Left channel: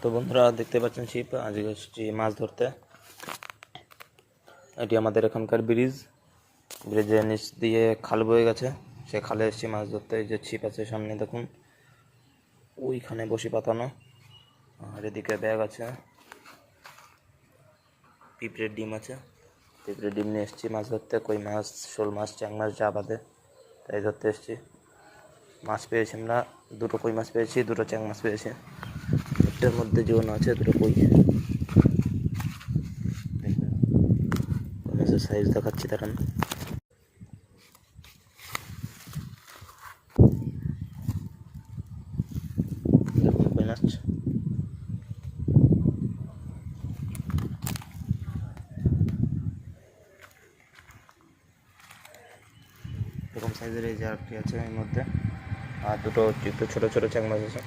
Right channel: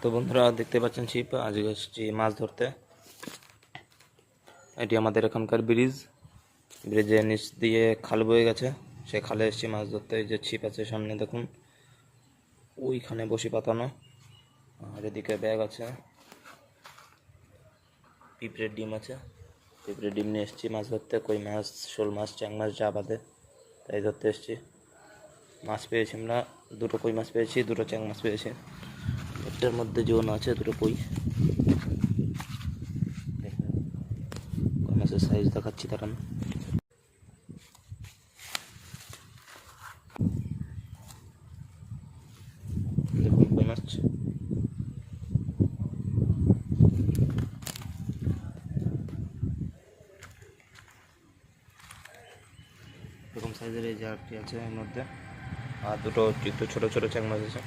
তো বন্ধুরা দেখতে পাচ্ছেন ছিপ, আজকে এসেছি মাছ ধরতে। এটি আমাদের এখানকার ব্রিজের নিচ দিয়ে খাল বয়ে গেছে, সে খালে এসেছি মাছ ধরতে। এই যে ছিপ আছে সামনে দেখুন, ওইখানে বসি পাতানো, আর এদিকে ব্যাগ আছে, পিঁপড়ের ডিম আছে। পিঁপড়ের ডিম নিয়ে এসেছি মাছ ধরতে। কই মাছ, শোল মাছ, চ্যাং মাছ যা বাদে তাই ধরতে এসেছি। মাছ পেয়েছি আমরা, দুটো কই মাছ পেয়েছি, দুটো চ্যাং মাছ পেয়েছি। একটার মধ্যে জীবন আছে, দুটো কই। দেখুন কই মাছের সাইজ দেখাচ্ছি, দেখেন। দেখুন কই মাছ, এরকম সাইজের এই যে আরেকটি আছে এর মধ্যে, আর দুটো একটু ছোটো ছোটো চ্যাং মাছ আছে।